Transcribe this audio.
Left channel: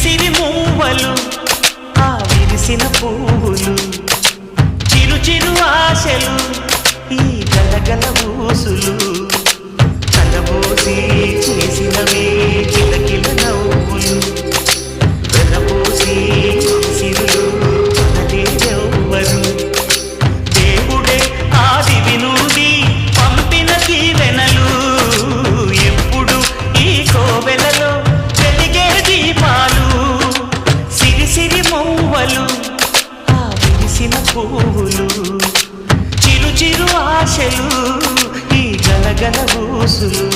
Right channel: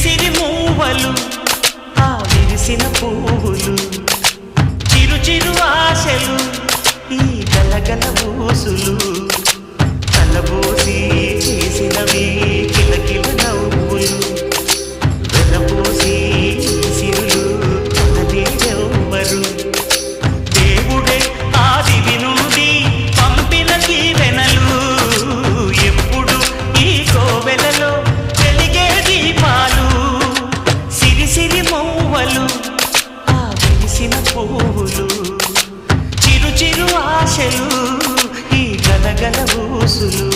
సిరి మూవలు ఆ విరిసిన పువ్వులు చిరు చిరు ఆశలు ఈ గలగల ఊసులు కలబోసి చేసినవి కిలకిల నవ్వులు వెలబోసి సిరులు కొనలేరెవ్వరు దేవుడే ఆదివి నుండి పంపిన దీవెనలు ఎప్పుడు ఈ కోవెలలో వెలిగే దీపాలు సిరి సిరి మౌవలు ఆ విరిసిన పువ్వులు చిరు చిరు ఆశలు ఈ గలగల ఊసులు